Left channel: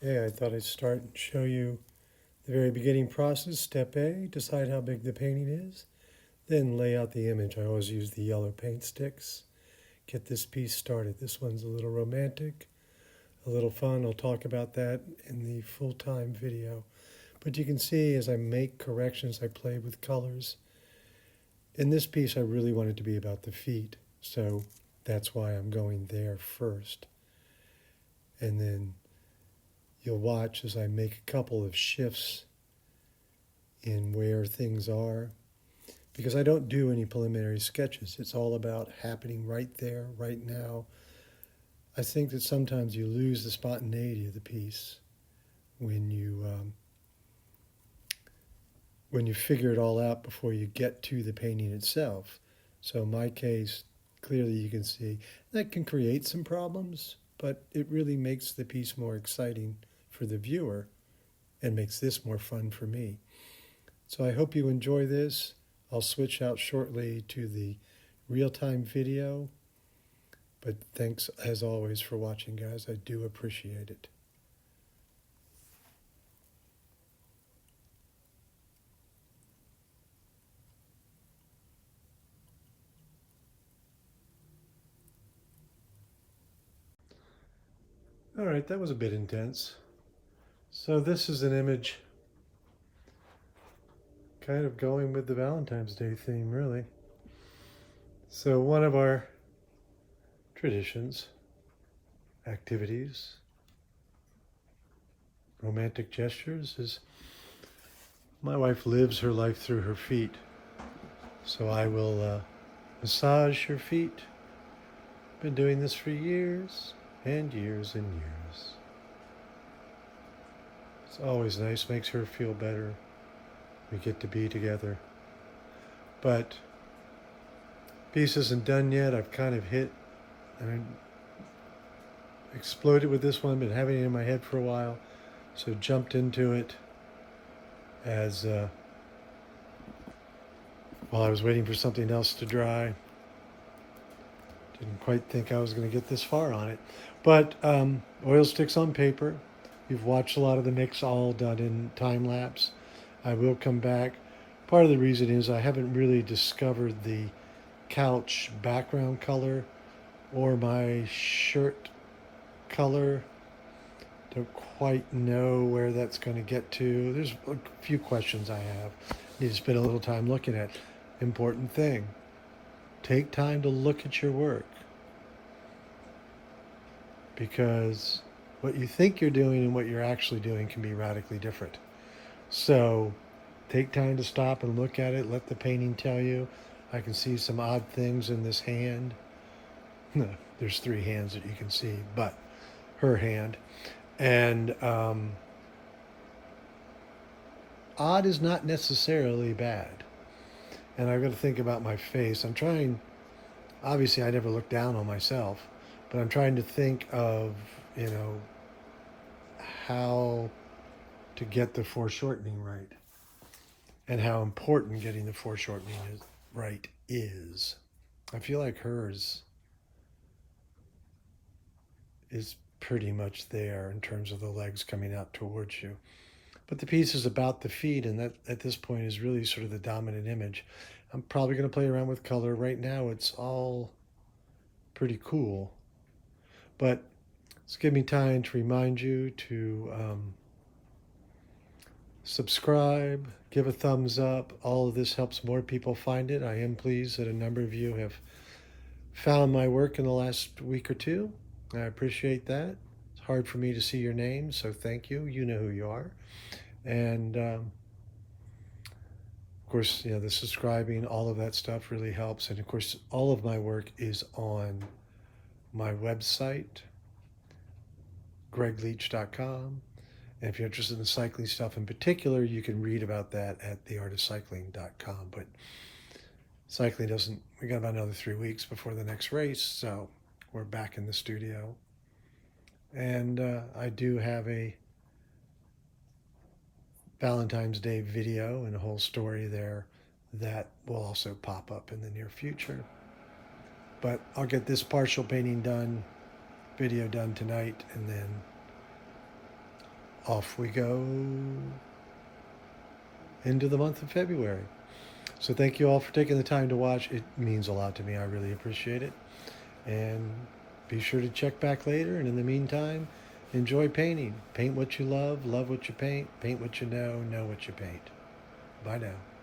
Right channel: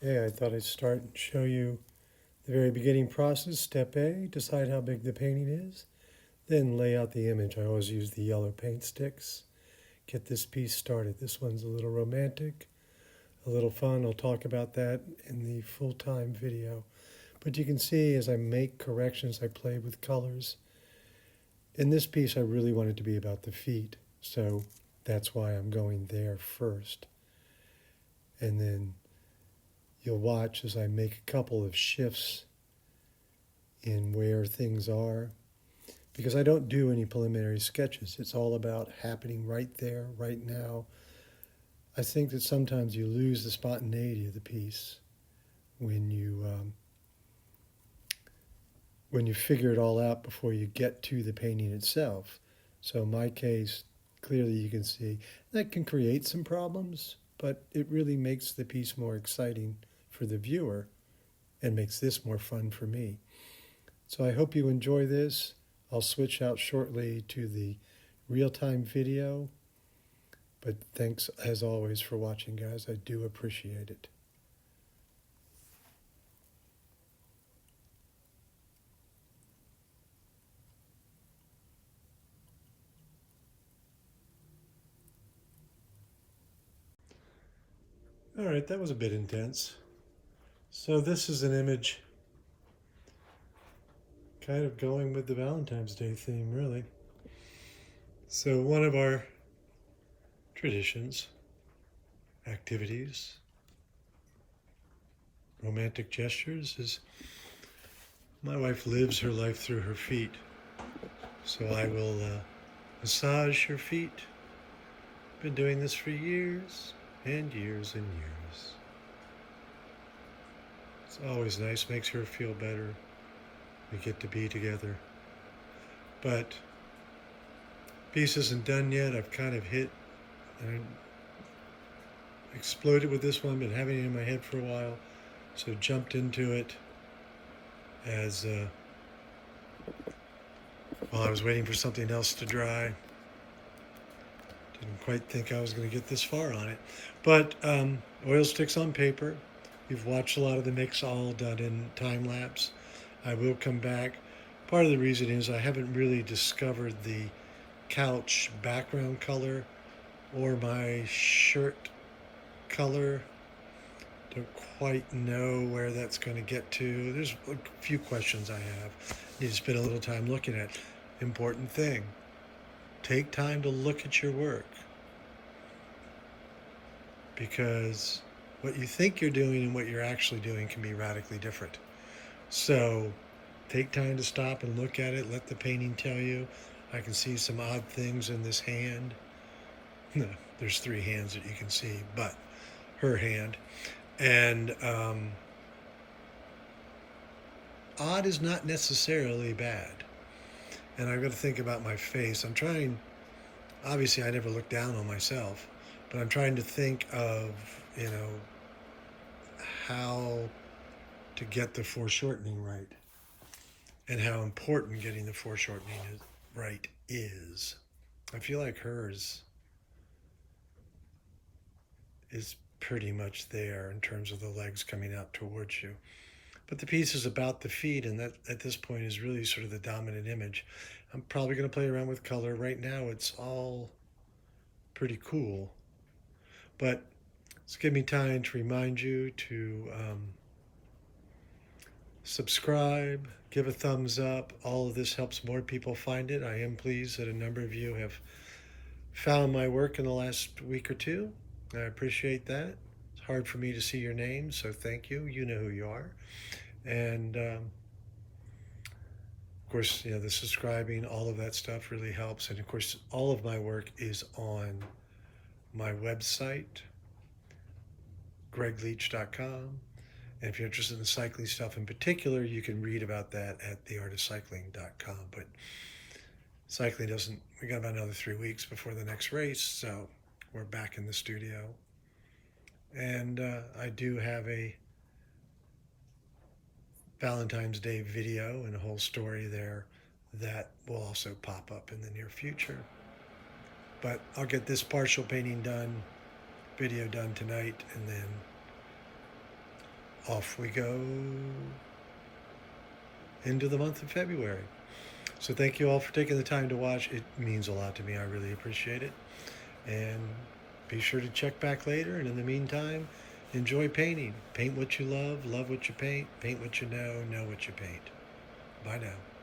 Yeah, I thought I'd start and show you the very beginning process. Step A, decide how big the painting is. Then lay out the image. I always use the yellow paint sticks. Get this piece started. This one's a little romantic, a little fun. I'll talk about that in the full-time video. But you can see as I make corrections, I play with colors. In this piece, I really want it to be about the feet. So that's why I'm going there first. And then you'll watch as I make a couple of shifts in where things are, because I don't do any preliminary sketches. It's all about happening right there, right now. I think that sometimes you lose the spontaneity of the piece when you figure it all out before you get to the painting itself. So in my case, clearly you can see that can create some problems, but it really makes the piece more exciting for the viewer and makes this more fun for me. So I hope you enjoy this. I'll switch out shortly to the real-time video, but thanks as always for watching, guys. I do appreciate it. All right, that was a bit intense. So this is an image kind of going with the Valentine's Day theme, really. So one of our traditions, activities, romantic gestures is my wife lives her life through her feet. So I will massage her feet. Been doing this for years and years and years. It's always nice, makes her feel better. We get to be together. But piece isn't done yet. I've kind of hit and exploded with this one, been having it in my head for a while. So jumped into it as while I was waiting for something else to dry. Didn't quite think I was going to get this far on it. But oil sticks on paper. You've watched a lot of the mix all done in time lapse. I will come back. Part of the reason is I haven't really discovered the couch background color or my shirt color. Don't quite know where that's going to get to. There's a few questions I have. Need to spend a little time looking at. Important thing. Take time to look at your work, because what you think you're doing and what you're actually doing can be radically different. So take time to stop and look at it. Let the painting tell you. I can see some odd things in this hand. There's three hands that you can see, but her hand. And odd is not necessarily bad. And I've got to think about my face. I'm trying, obviously I never look down on myself, but I'm trying to think of, how to get the foreshortening right and how important getting the foreshortening right is. I feel like hers is pretty much there in terms of the legs coming out towards you. But the piece is about the feet, and that at this point is really sort of the dominant image. I'm probably going to play around with color. Right now it's all pretty cool, but it's give me time to remind you to subscribe, give a thumbs up. All of this helps more people find it. I am pleased that a number of you have found my work in the last week or two. I appreciate that. It's hard for me to see your names, so thank you. You know who you are. And of course, the subscribing, all of that stuff really helps. And of course, all of my work is on my website, greigleach.com. And if you're interested in cycling stuff in particular, you can read about that at theartofcycling.com. But cycling doesn't, we got about another 3 weeks before the next race, so we're back in the studio. And I do have a Valentine's Day video and a whole story there that will also pop up in the near future. But I'll get this partial painting done, video done tonight, and then off we go into the month of February. So thank you all for taking the time to watch. It means a lot to me. I really appreciate it. And be sure to check back later. And in the meantime, enjoy painting. Paint what you love what you paint what you know what you paint. Bye now.